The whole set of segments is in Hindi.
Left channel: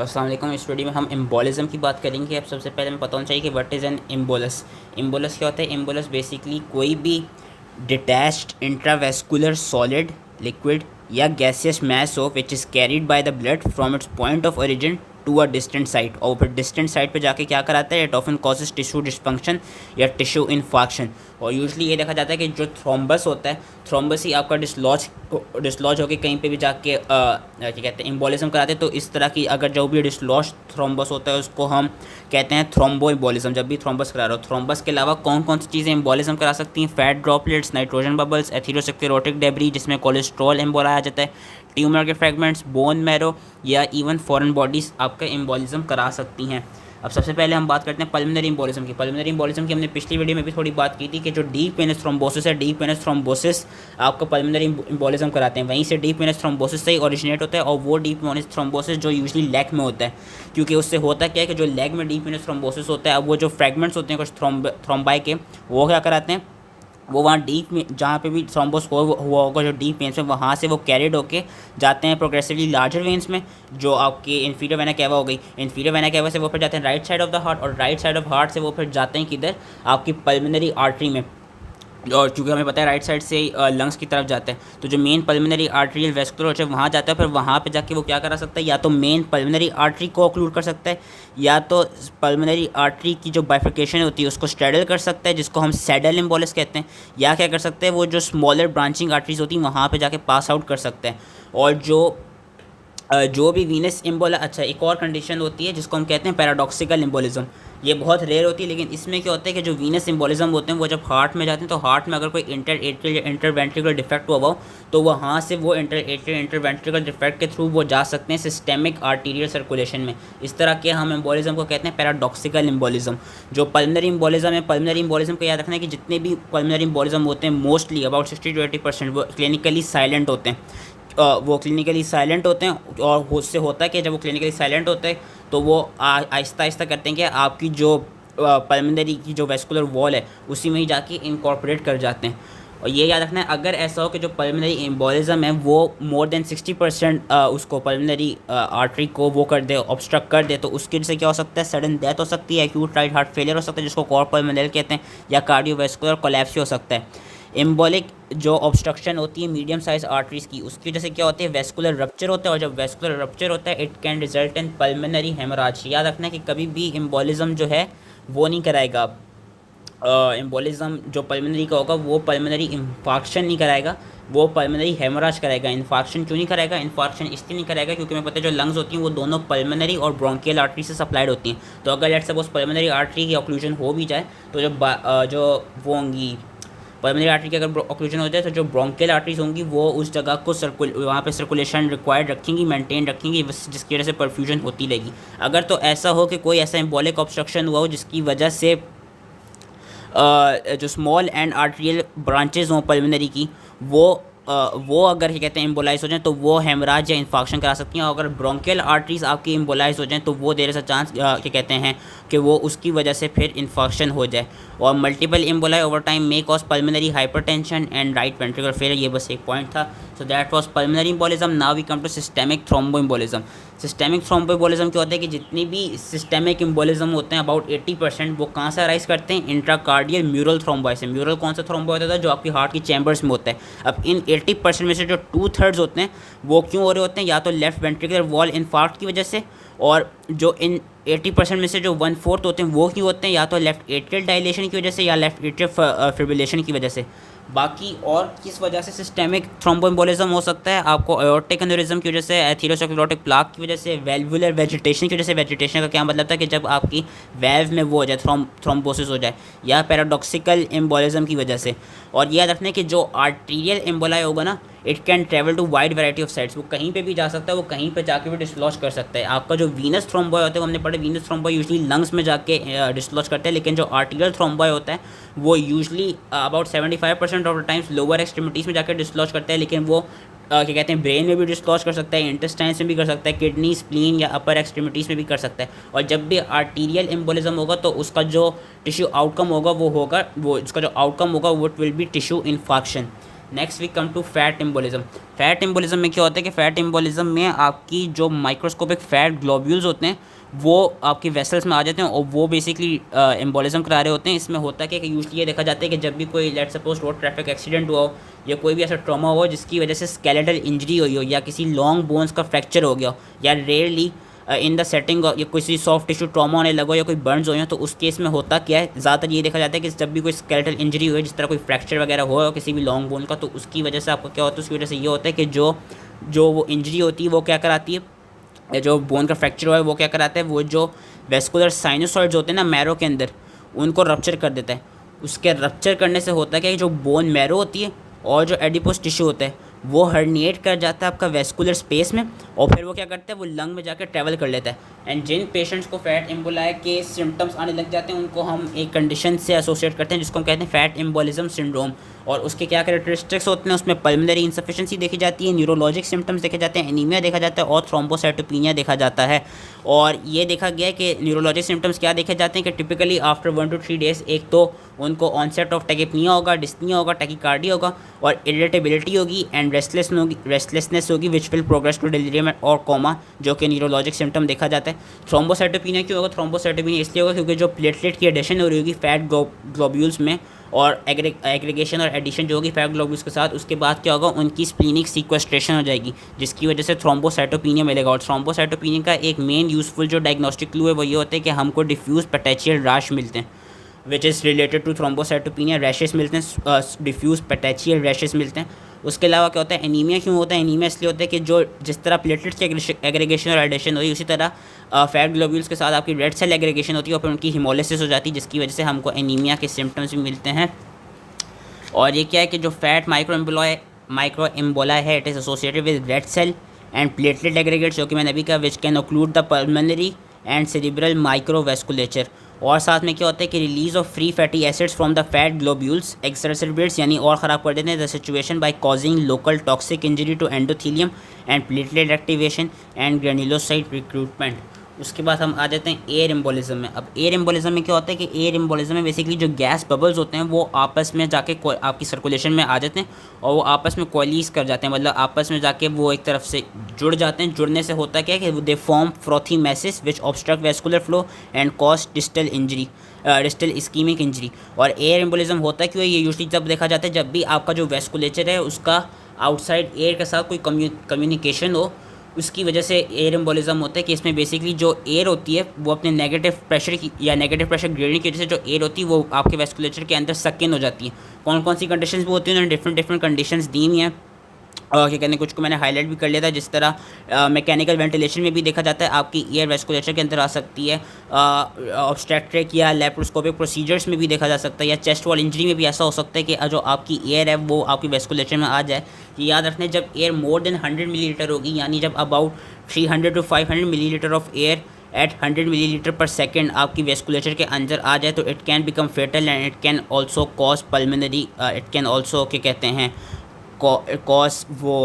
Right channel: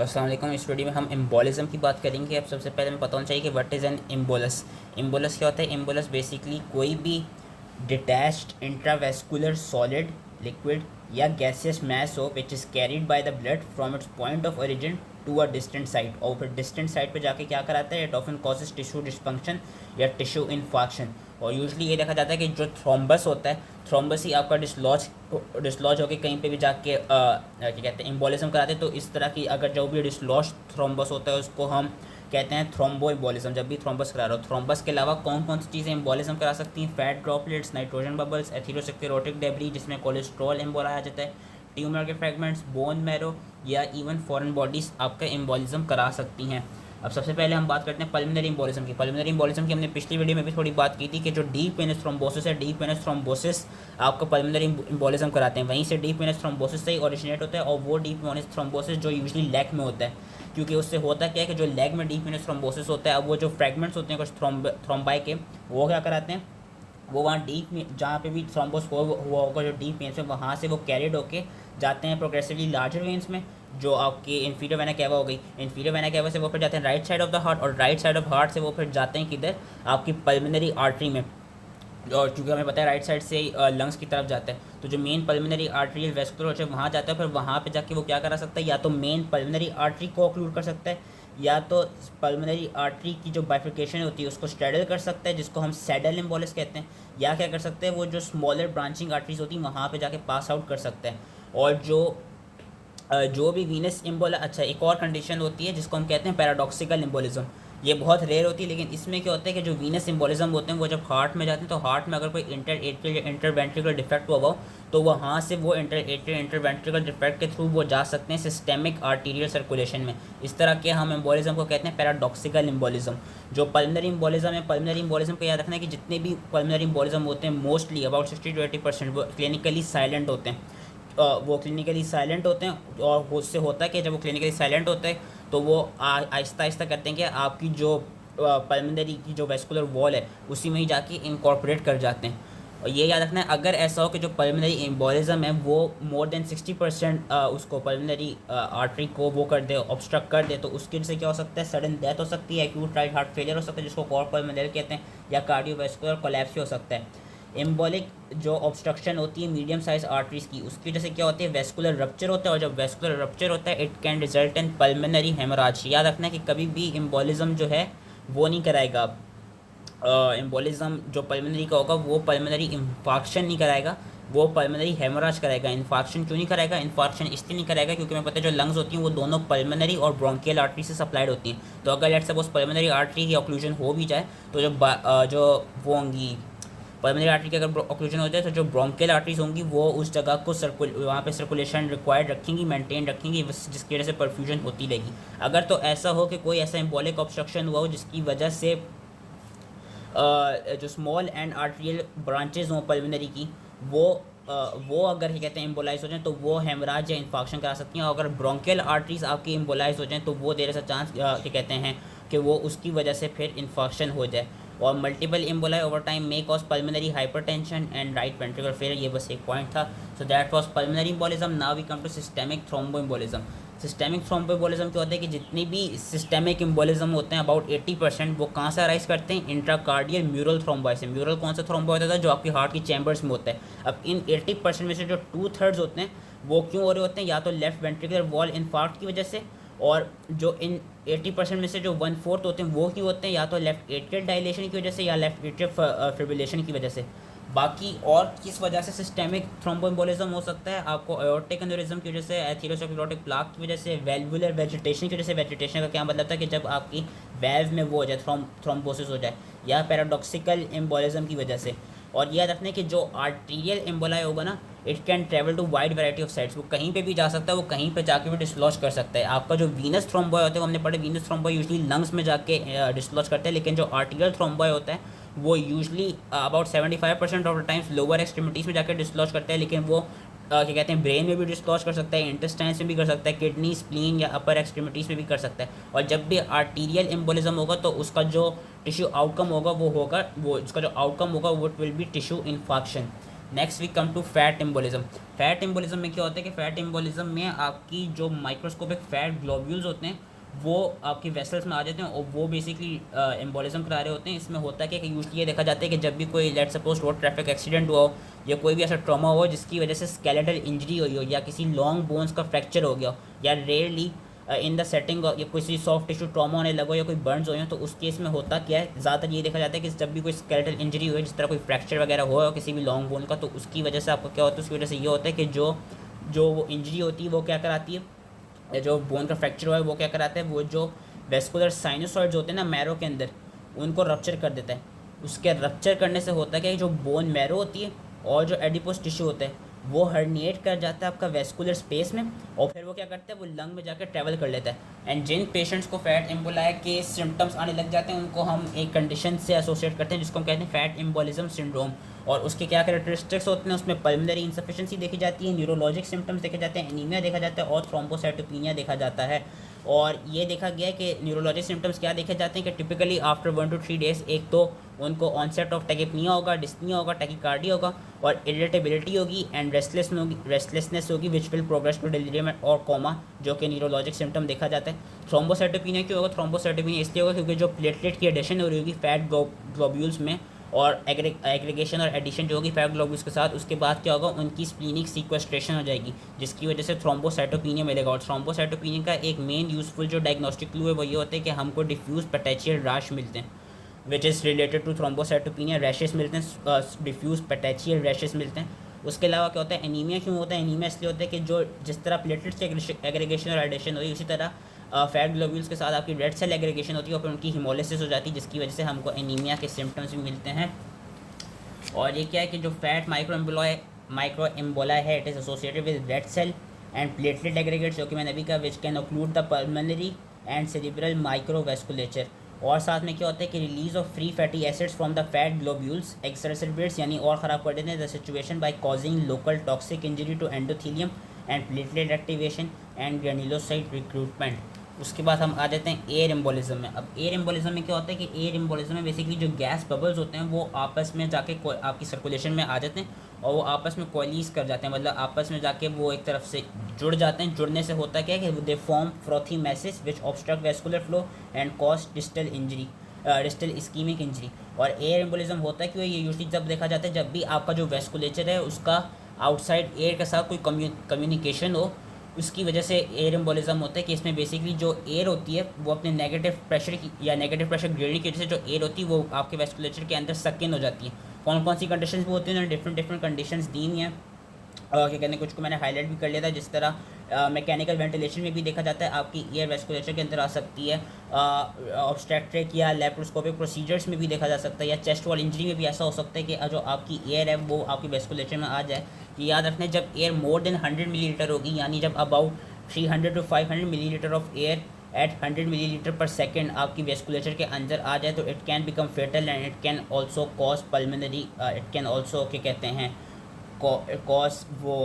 अस्सलाम वालेकुम। इस वीडियो में हम एम्बोलिज्म की बात करेंगे। अब सबसे पहले हमें पता होना चाहिए कि what is an embolus. Embolus क्या होता है? एम्बोलस बेसिकली कोई भी डिटैच्ड इंट्रावेस्कुलर सॉलिड, लिक्विड या गैसियस मास हो which is carried by the blood from its point of origin to a distant site, और फिर डिस्टेंट साइट पे जाके क्या कराता है? It often causes tissue dysfunction या टिश्यू इन्फाक्शन। और यूजली ये देखा जाता है कि जो थ्रोम्बस होता है, थ्रोम्बस ही आपका डिसलॉज होकर कहीं पे भी जाके क्या कहते हैं, एम्बोलिज्म कराते हैं। तो इस तरह की अगर जो भी डिसलॉज थ्रोम्बस होता है उसको हम कहते हैं थ्रोम्बो एम्बोलिज्म। जब भी थ्रोम्बस करा रहे हो, थ्रोम्बस के अलावा कौन कौन सी चीज़ें एम्बोलिज्म करा सकती हैं? Fat droplets, nitrogen bubbles, atherosclerotic debris जिसमें कोलेस्ट्रॉल एम्बोला आ जाता है, ट्यूमर के फ्रेगमेंट्स, बोन मैरो या इवन फॉरेन बॉडीज़ आपका एम्बोलिज्म करा सकती हैं। अब सबसे पहले हम बात करते हैं पल्मोनरी एम्बोलिज्म की। पल्मोनरी एम्बोलिज्म की हमने पिछली वीडियो में भी थोड़ी बात की थी कि जो डीप वेनस थ्रोम्बोसिस है, डीप वेनस थ्रोम्बोसिस आपको पल्मोनरी एम्बोलिज्म कराते हैं। वहीं से डीप वेनस थ्रोम्बोसिस से ही ओरिजिनेट होता है, और वो डीप वेनस थ्रोम्बोसिस जो यूजली लेग में होता है, क्योंकि उससे होता क्या है कि जो लेग में डीप वेनस थ्रोम्बोसिस होता है, अब वो जो फ्रेगमेंट्स होते हैं कुछ थ्रोम्बाई के, वो क्या कराते हैं, वो वहाँ डीप में जहाँ पे भी थ्रोम्बोस हुआ होगा जो डीप वेन्स में, वहाँ से वो कैरिड होके जाते हैं प्रोग्रेसिवली लार्जर वेन्स में, जो आपके इन्फीरियर वेना कैवा हो गई। इन्फीरियर वेना कैवा से वो फिर जाते हैं right side of the heart, और राइट साइड ऑफ हार्ट से वो फिर जाते हैं किधर? आपकी पल्मोनरी आर्टरी में। और चूँकि हमें पता है राइट साइड से लंग्स की तरफ जाता है, तो जो मेन पल्मोनरी आर्टरियल वेस्कुलर होता है वहाँ जाता है। फिर वहाँ पे जाके वो क्या करा सकता है? या तो मेन पल्मोनरी आर्टरी को ऑक्लूड कर सकता है, या तो पल्मोनरी आर्टरी की जो बाइफिकेशन होती है उसको स्ट्रेडल कर सकता है, जिसको हम सैडल एम्बोलिस कहते हैं। या क्या कर सकते हैं? वो जो स्मॉलर ब्रांचिंग आर्टरीज होती हैं वहाँ पर जाके पास आउट कर सकते हैं। और जो भी वीनस एम्बोला, अच्छा एक और कंडीशन होती है जिसको हम कहते हैं पैराडॉक्सिकल एम्बोलिज्म। ये बहुत रेयर होती है, लेकिन इसमें क्या होता है कि जो वीनस एम्बोलिज्म होते हैं वो जब हार्ट में जाते हैं, तो हार्ट में अगर कोई इंटर एट्रियल या इंटरवेंट्रिकुलर डिफेक्ट हुआ हो, तो वहाँ से वो इंटर एट्रियल इंटरवेंट्रिकुलर डिफेक्ट के थ्रू वो जा सकते हैं सिस्टेमिक आर्टीरियल सर्कुलेशन में। इस तरह के हम एम्बोलिज्म को कहते हैं पैराडॉक्सिकल एम्बोलिज्म। जो पल्मोनरी एम्बोलिज्म है, पल्मोनरी एम्बोलिज्म को याद रखना है कि जितने भी पल्मोनरी एम्बोलिज्म होते हैं मोस्टली अबाउट 60 to 80% वो क्लिनिकली साइलेंट होते हैं। वो क्लिनिकली साइलेंट होते हैं, और उससे होता है कि जब वो क्लिनिकली साइलेंट होते हैं तो वो आहिस्ता आहिस्ता करते हैं कि आपकी जो पल्मोनरी की जो वेस्कुलर वॉल है उसी में ही जाके इनकॉर्पोरेट कर जाते हैं। और ये याद रखना है, अगर ऐसा हो कि जो पल्मोनरी एम्बोलिज्म है वो मोर देन 60% उसको पल्मोनरी आर्टरी को वो कर दे, ऑब्स्ट्रक्ट कर दे, तो उसकी वजह से क्या हो सकता है? सडन डेथ हो सकती है, एक्यूट राइट हार्ट फेलियर हो सकता है जिसको कॉर पल्मोनरी कहते हैं, या कार्डियोवैस्कुलर कोलैप्स हो सकता है। एम्बोलिक जो ऑब्स्ट्रक्शन होती है मीडियम साइज आर्टरीज की, उसकी वजह से क्या होती है? वेस्कुलर रप्चर होता है, और जब वेस्कुलर रप्चर होता है it can result in pulmonary haemorrhage. याद रखना है कि कभी भी एम्बोलिज्म जो है वो नहीं कराएगा। एम्बोलिज्म जो पल्मोनरी का होगा वो पल्मोनरी इंफाक्शन नहीं कराएगा, वो पल्मोनरी हेमोरेज कराएगा। इन्फाक्शन क्यों नहीं कराएगा? इन्फाक्शन इसलिए नहीं कराएगा क्योंकि मैं पता है जो लंग्स होती हैं वो दोनों पल्मोनरी और ब्रोंकियल आर्टरी से सप्लाइड होती हैं। तो अगर लेट्स सपोज पल्मोनरी आर्टरी की ऑक्लूजन हो भी जाए, तो जो वो होंगी पल्मोनरी आर्टरी की अगर ऑक्लूजन हो जाए, तो जो ब्रोंकियल आर्टरीज होंगी वो उस जगह को वहाँ पे सर्कुलेशन रिक्वायर्ड रखेंगी, मेंटेन रखेंगी, जिसकी वजह से परफ्यूजन होती रहेगी। अगर तो ऐसा हो कि कोई ऐसा एम्बोलिक ऑब्स्ट्रक्शन हुआ हो जिसकी वजह से जो स्मॉल एंड आर्टरियल ब्रांचेज हों पल्मोनरी की, वो अगर क्या कहते हैं एम्बोलाइज हो जाएं, तो वो हेमराज या इन्फाक्शन करा सकती हैं। और अगर ब्रोंकियल आर्टरीज आपकी एम्बोलाइज हो जाएं, तो वो देर सा चांस क्या कहते हैं कि वो उसकी वजह से फिर इन्फाक्शन हो जाए। और multiple emboli over time may cause pulmonary hypertension and right ventricular failure. ये बस एक पॉइंट था। So that was pulmonary embolism. Now we come to systemic thromboembolism. Systemic thromboembolism क्या होता है कि जितनी भी सिस्टेमिक एम्बोलिज्म होते हैं अबाउट 80% वो कहाँ से अराइज करते हैं? इंट्राकार्डियल म्यूरल थ्रोम्बोई से। म्यूरल कौन सा थ्रोम्बो होता है? जो आपकी हार्ट की चैम्बर्स में होता है। अब इन 80% में से जो 2/3 होते हैं वो क्यों हो रहे होते हैं? या तो लेफ्ट वेंट्रिकुलर वॉल इन्फार्क्ट की वजह से, और जो इन 80% में से जो 1/4 होते हैं वो क्यों होते हैं? या तो लेफ्ट एट्रियल डायलेशन की वजह से या लेफ्ट एट्रियल फिब्रिलेशन की वजह से। बाकी और किस वजह से सिस्टेमिक थ्रोम्बोएम्बोलिज्म हो सकता है? आपको एओर्टिक एन्यूरिज्म की वजह से, एथेरोस्क्लेरोटिक प्लाक की वजह से, वेल्वुलर वेजिटेशन की वजह से। वेजिटेशन का क्या मतलब था? कि जब आपकी वेल्व में वो हो जाए, थ्रोम्बोसिस हो जाए, या पैराडॉक्सिकल एम्बोलिज्म की वजह से। और याद रखना है कि जो आर्टीरियल एम्बोलाई होगा ना, it can travel to wide variety of sites. वो कहीं पे भी जा सकता है, वो कहीं पे जाके भी डिसलॉज कर सकता है। आपका जो वीनस थ्रोम्बॉय होता है, वो हमने पढ़े वीनस थ्रोम्बॉय यूजली लंग्स में जाके डिसलॉज करते हैं, लेकिन जो आर्टिरियल थ्रोम्बॉय होता है वो usually about 75% of the times lower extremities में जाकर डिसलॉज करता है। लेकिन वो क्या कहते हैं ब्रेन में भी डिसलॉज कर सकता है, इंटेस्टाइन्स में भी कर सकता है, किडनी, स्प्लीन या अपर एक्सट्रीमिटीज़ में भी कर सकता है। और जब भी आर्टीरियल एम्बोलिज्म होगा तो उसका जो टिश्यू आउटकम होगा वो उसका जो आउटकम होगा वो will be tissue infarction. Next we come to fat embolism. Fat embolism में क्या होता है कि फैट एम्बोलिज्म में आपकी जो माइक्रोस्कोपिक फैट ग्लोब्यूल्स होते हैं वो आपकी वेसल्स में आ जाते हैं और वो बेसिकली एम्बोलिज्म करा रहे होते हैं। इसमें होता क्या है कि यूजली ये देखा जाता है कि जब भी कोई let suppose road traffic accident हुआ हो या कोई भी ऐसा ट्रॉमा हुआ जिसकी वजह से स्केलेटल इंजरी हुई हो या किसी लॉन्ग बोन्स का फ्रैक्चर हो गया हो या रेयरली इन द सेटिंग या किसी सॉफ्ट टिश्यू ट्रॉमा होने लगा या कोई बर्न्स हो तो उस केस में होता क्या है, ज़्यादातर ये देखा जाता है कि जब भी कोई स्केलेटल इंजरी हो जिस तरह कोई फ्रैक्चर वगैरह हो किसी भी लॉन्ग बोन का, तो उसकी वजह से आपको क्या होता है, उसकी वजह से ये होता है कि जो जो वो इंजरी होती है वो क्या कराती है, या जो बोन का फ्रैक्चर हुआ है वो क्या कराता है, वो जो वेस्कुलर साइनोसॉइड्स होते हैं ना मैरो के अंदर उनको रप्चर कर देता है। उसके रप्चर करने से होता है क्या, जो बोन मैरो होती है और जो एडिपोस टिश्यू होता है वो हर्निएट कर जाता है आपका वेस्कुलर स्पेस में और फिर वो क्या करता है, वो लंग में जाकर ट्रैवल कर लेता है। एंड जिन पेशेंट्स को फैट एम्बोलाई के सिम्टम्स आने लग जाते हैं उनको हम एक कंडीशन से एसोसिएट करते हैं जिसको हम कहते हैं फैट एम्बोलिज्म सिंड्रोम। और उसके क्या कैरेक्टरिस्टिक्स होते हैं, उसमें पल्मोनरी इंसफिशिएंसी देखी जाती है, न्यूरोलॉजिक सिम्टम्स देखे जाते हैं, एनीमिया देखा जाता है और थ्रोम्बोसाइटोपिनिया देखा जाता है। और ये देखा गया है कि न्यूरोलॉजिक सिम्टम्स क्या देखे जाते हैं कि टिपिकली आफ्टर 1 to 3 डेज एक तो उनको ऑनसेट ऑफ टैकिपनिया होगा, डिस्निया होगा, टैकिकार्डिया होगा और इरिटेबिलिटी होगी एंड रेस्टलेसनेस होगी which will progress to delirium और कोमा, जो कि न्यूरोलॉजिक सिम्टम देखा जाता है। थ्रोम्बोसाइटोपिनिया क्यों होगा, थ्रोम्बोसाइटोपिनिया इसलिए होगा क्योंकि जो प्लेटलेट की एडिशन हो रही होगी फैट ग्लोब्यूल्स में और एग्रीगेशन और एडिशन जो होगी फैट ग्लोब्यूल्स के साथ, उसके बाद क्या होगा, उनकी स्प्लीनिक सीक्वेस्ट्रेशन हो जाएगी जिसकी वजह से थ्रोम्बोसाइटोपिनिया मिलेगा। और थ्रोम्बोसाइटोपिनिया का एक मेन यूजफुल जो डायग्नोस्टिक क्लू है वो ये होता है कि हमको डिफ्यूज पेटेचियल रैश मिलते हैं which is related to thrombocytopenia, rashes मिलते हैं, डिफ्यूज पेटेचियल रैशेस मिलते हैं। उसके अलावा क्या होता है, एनीमिया क्यों होता है, एनीमिया इसलिए होता है कि जो जिस तरह प्लेटलेट्स की एग्रीगेशन और एडिशन होती है उसी तरह फैट ग्लोब्यूल्स के साथ आपकी रेड सेल एग्रीगेशन होती है और फिर उनकी हिमोलिसिस हो जाती है जिसकी वजह से हमको एनीमिया के सिम्टम्स भी मिलते हैं। और ये क्या है कि जो फैट माइक्रो एम्बोला है it is associated with red cell and platelet aggregates, जो कि मैंने अभी कहा, which can occlude the pulmonary and cerebral microvasculature. और साथ में क्या होता है कि release of free fatty acids from the fat globules exacerbates यानी और ख़राब कर देते हैं the situation by causing local toxic injury to endothelium and platelet activation and granulocyte recruitment. उसके बाद हम आ जाते हैं एयर एम्बोलिज्म में। अब एयर एम्बोलिज्म में क्या होता है कि एयर एम्बोलिज्म में बेसिकली जो गैस बबल्स होते हैं वो आपस में जाके आपकी सर्कुलेशन में आ जाते हैं और वो आपस में कोलिज कर जाते हैं, मतलब आपस में जाके वो एक तरफ से जुड़ जाते हैं। जुड़ने से होता क्या है कि they form frothy masses which obstruct vascular flow and cause distal ischemic injury. और एयर एम्बोलिज्म होता क्यों है, ये यूजली जब देखा जाता है जब भी आपका जो वेस्कुलेचर है उसका आउटसाइड एयर के साथ कोई कम्युनिकेशन हो, उसकी वजह से एयर एम्बोलिज्म होता है कि इसमें बेसिकली जो एयर होती है वो अपने नेगेटिव प्रेशर की या नेगेटिव प्रेशर ग्रेडिंग की वजह से जो एयर होती है वो आपके वेस्कुलेचर के अंदर सक इन हो जाती है। कौन कौन सी कंडीशंस भी होती हैं, उन्होंने डिफरेंट कंडीशंस दी हुई हैं और क्या कहते हैं, कुछ को मैंने हाईलाइट भी कर लिया था। जिस तरह मैकेनिकल वेंटिलेशन में भी देखा जाता है आपकी एयर वेस्कुलेचर के अंदर आ सकती है, ऑब्स्ट्रैक्ट्रिक या लेप्रोस्कोपिक प्रोसीजर्स में भी देखा जा सकता है, या चेस्ट वॉल इंजरी में भी ऐसा हो सकता है कि जो आपकी एयर है वो आपकी वेस्कुलेचर में आ जाए। कि याद रखना, जब एयर मोर देन 100 मिलीलीटर होगी, यानी जब about 300 to 500 millilitre of air at 100 millilitre per second आपकी वेस्कुलेचर के अंदर आ जाए तो it can become fatal and it can also cause pulmonary, it can also क्या कहते हैं कॉज वो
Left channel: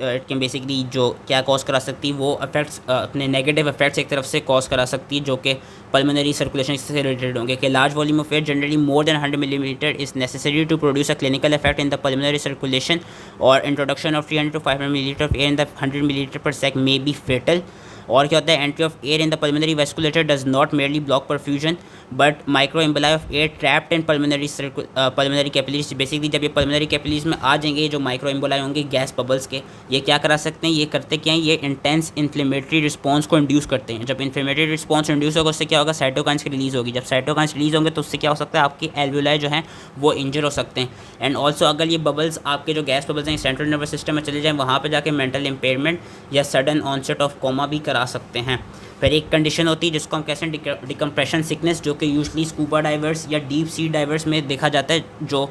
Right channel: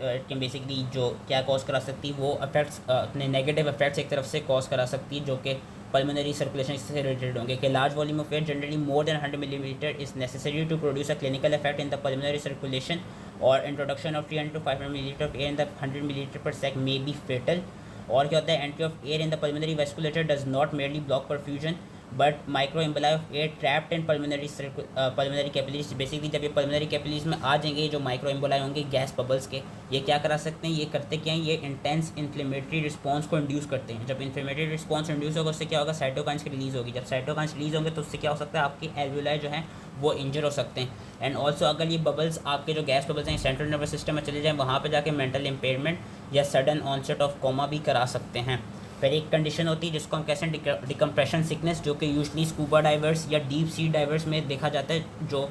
इट कैन बेसिकली जो क्या कॉज करा सकती है वो अफेक्ट्स अपने नेगेटिव इफेक्ट्स एक तरफ से कॉज करा सकती है जो कि पल्मोनरी सर्कुलेशन से रिलेटेड होंगे। कि large volume of air generally more than 100 millimetre is necessary to produce a clinical effect in the pulmonary circulation और introduction of 300 to 500 millilitre of air in the 100 millilitre per sec may be fatal. और क्या होता है, entry of air in the pulmonary vasculature does not merely block perfusion but micro emboli of air trapped in pulmonary capillaries. Basically जब ये पल्मोनरी कैपिलरीज में आ जाएंगे, जो माइक्रो एम्बोलाई होंगे गैस बबल्स के, ये क्या करा सकते हैं, ये करते क्या हैं, ये इंटेंस इन्फ्लेमेटरी रिस्पॉन्स को इंड्यूस करते हैं। जब इन्फ्लेमेटरी रिस्पॉन्स इंड्यूस होगा उससे क्या होगा, साइटोकाइंस की रिलीज होगी। जब साइटोकाइंस रिलीज होंगे तो उससे क्या हो सकता है, आपके एल्वेओलाई जो हैं वो इंजर हो सकते हैं। एंड ऑल्सो अगर ये बबल्स आपके जो गैस बबल्स हैं सेंट्रल नर्वस सिस्टम में चले जाएँ, वहाँ पर जाके मेंटल इम्पेयरमेंट या सडन ऑनसेट ऑफ कोमा भी करा सकते हैं। फिर एक कंडीशन होती है जिसको हम कहते हैं डिकम्प्रेशन सिकनेस, जो कि यूजली स्कूबा डाइवर्स या डीप सी डाइवर्स में देखा जाता है। जो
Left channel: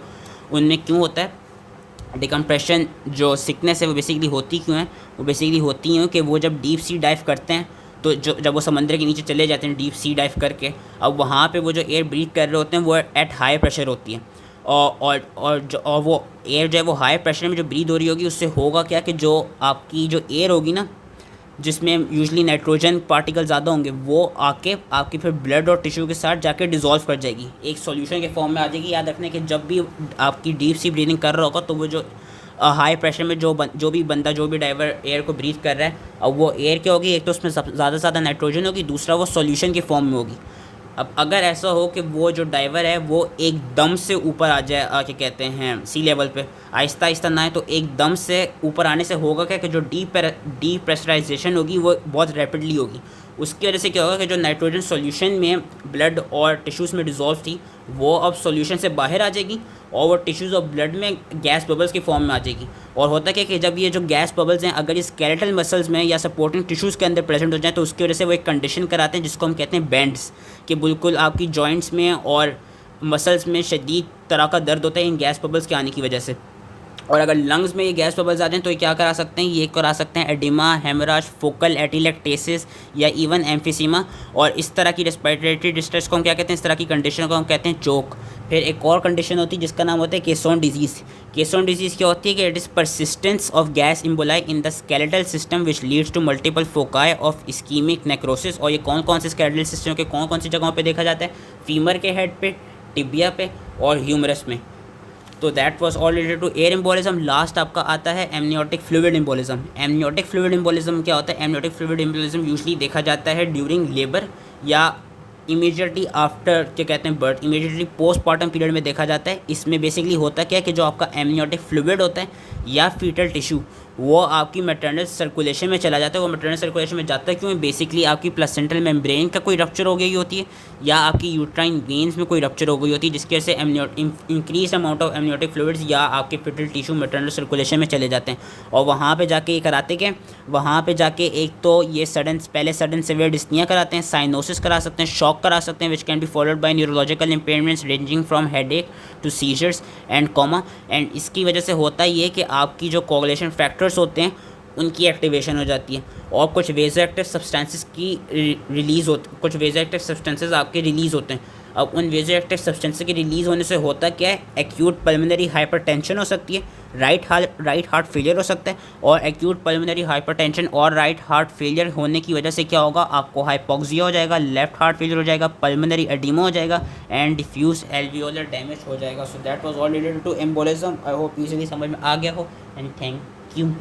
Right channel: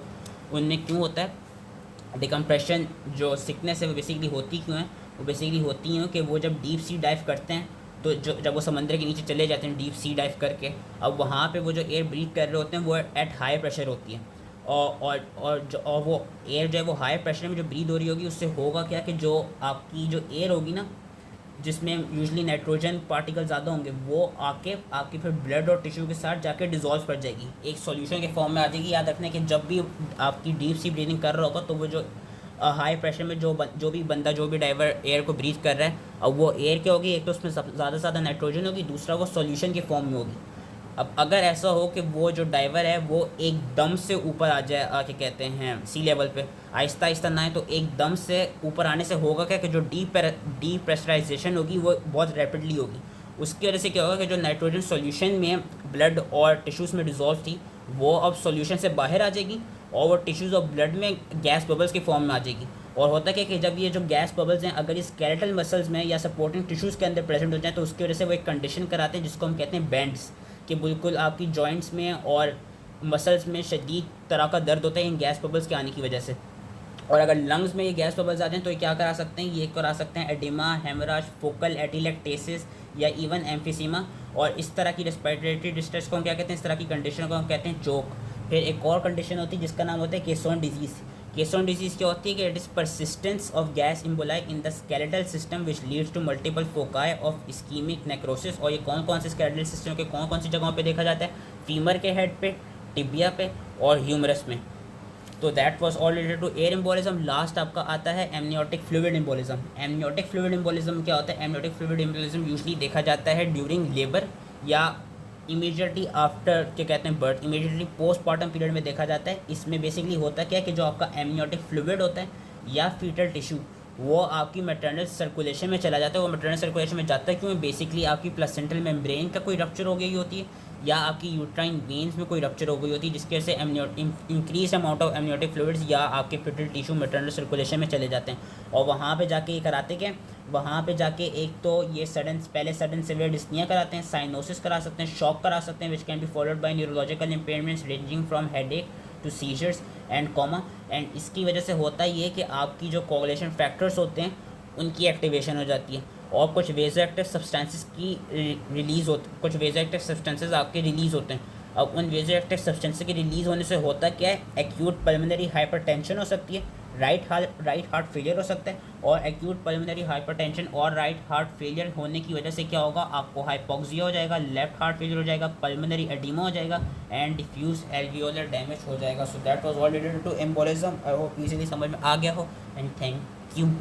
उनमें क्यों होता है डिकम्प्रेशन जो सिकनेस है वो बेसिकली होती क्यों है, वो बेसिकली होती हैं कि वो जब डीप सी डाइव करते हैं तो जब वो समंदर के नीचे चले जाते हैं डीप सी डाइव करके, अब वहाँ पे वो जो एयर ब्रीथ कर रहे होते हैं वो एट हाई प्रेशर होती है और वो एयर जो है वो हाई प्रेशर में जो ब्रीथ हो रही होगी उससे होगा क्या कि जो आपकी जो एयर होगी ना जिसमें यूजली नाइट्रोजन पार्टिकल ज़्यादा होंगे वो आके आपकी फिर ब्लड और टिश्यू के साथ जाके डिज़ोल्व कर जाएगी, एक सॉल्यूशन के फॉर्म में आ जाएगी। याद रखने कि जब भी आपकी डीप सी ब्रीदिंग कर रहा होगा तो वो जो हाई प्रेशर में जो भी बंदा जो भी डाइवर एयर को ब्रीथ कर रहा है, अब वो एयर क्या होगी, एक तो उसमें ज़्यादा से ज़्यादा नाइट्रोजन होगी, दूसरा वो सॉल्यूशन की फॉर्म में होगी। अब अगर ऐसा हो कि वो जो डाइवर है वो एकदम से ऊपर आ जाए, क्या कहते हैं, सी लेवल पे, आहिस्ता आहिस्ता ना है तो एकदम से ऊपर आने से होगा क्या कि जो डी प्रेशराइजेशन होगी वो बहुत रैपिडली होगी। उसकी वजह से क्या होगा कि जो नाइट्रोजन सॉल्यूशन में ब्लड और टिश्यूज़ में डिज़ोल्व थी वो अब सॉल्यूशन से बाहर आ जाएगी और वो टिश्यूज़ और ब्लड में गैस बबल्स की फॉर्म में आ जाएगी। और होता क्या कि जब ये जो गैस बबल्स हैं अगर ये स्केलेटल मसल्स में या सपोर्टिंग टिश्यूज़ के अंदर प्रेजेंट हो जाए तो उसकी वजह से वो एक कंडीशन कराते हैं जिसको हम कहते हैं बैंड्स, कि बिल्कुल आपकी जॉइंट्स में और मसल्स में शदीद तरह का दर्द होता है इन गैस बबल्स के आने की वजह से। और अगर लंग्स में ये गैस बबल्स आ जाएँ तो ये क्या करा सकते हैं, ये करा सकते हैं एडिमा, हेमराज, फोकल एटिलेक्टेसिस या इवन एम्फिसीमा। और इस तरह की रेस्पिरेटरी डिस्ट्रेस को हम क्या कहते हैं, इस तरह की कंडीशन को हम कहते हैं चोक। फिर एक और कंडीशन होती है जिसका नाम होता है केसोन डिजीज़। केसोन डिजीज़ क्या होती है कि it is persistence of gas emboli in the skeletal system which leads to multiple foci of ischaemic necrosis. और ये कौन कौन से स्केलेटल सिस्टम के कौन कौन सी जगहों पे देखा जाता है, फीमर के हेड पे, टिबिया पे और ह्यूमरस में। तो that was all related to air embolism. Last आपका आता है amniotic fluid embolism. Amniotic fluid embolism क्या होता है, एमनियोटिक फ्लूइड एम्बोलिज्म यूजुअली देखा जाता है ड्यूरिंग लेबर या इमीडिएटली आफ्टर, क्या कहते हैं, बर्थ, इमीडिएटली पोस्टमार्टम पीरियड में देखा जाता है। इसमें बेसिकली होता क्या है कि जो आपका एमनियोटिक फ्लूइड होता है या फीटल टिश्यू वो आपकी मैटरनल सर्कुलेशन में चला जाता है। वो मैटरनल सर्कुलेशन में जाता है क्यों, बेसिकली आपकी प्लेसेंटल मेम्ब्रेन का कोई रप्चर हो गई होती है या आपकी यूट्राइन वेन्स में कोई रप्चर हो गई होती है जिसकी वजह से increase amount of amniotic fluids या आपके फीटल टिश्यू मैटरनल सर्कुलेशन में चले जाते हैं। और वहाँ पे जाके ये कराते क्या, वहाँ पे जाके एक तो ये पहले सडन सिवियर डिस्निया कराते हैं, साइनोसिस करा सकते हैं, शॉक करा सकते हैं which can be followed by neurological impairments ranging from headache to seizures and coma. And इसकी वजह से होता ये कि आपकी जो कोगुलेशन फैक्टर्स होते हैं उनकी एक्टिवेशन हो जाती है और कुछ वेजोएक्टिव सब्सटेंसेस की रिलीज़ होती, कुछ वेजोएक्टिव सब्सटेंसेस आपके रिलीज़ होते हैं। अब उन वेजोएक्टिव सब्सटेंसेस के रिलीज़ होने से होता क्या है, एक्यूट पल्मोनरी हाइपरटेंशन हो सकती है, राइट हार्ट फेलियर हो सकता है। और एक्यूट पल्मोनरी हाइपरटेंशन और राइट हार्ट फेलियर होने की वजह से क्या होगा, आपको हाइपोक्सिया हो जाएगा, लेफ्ट हार्ट फेलियर हो जाएगा, पल्मोनरी एडिमा हो जाएगा एंड डिफ्यूज एल्वियोलर डैमेज हो जाएगा। So that was all related to embolism. I hope easily समझ में आ गया हो एंड थैंक यू।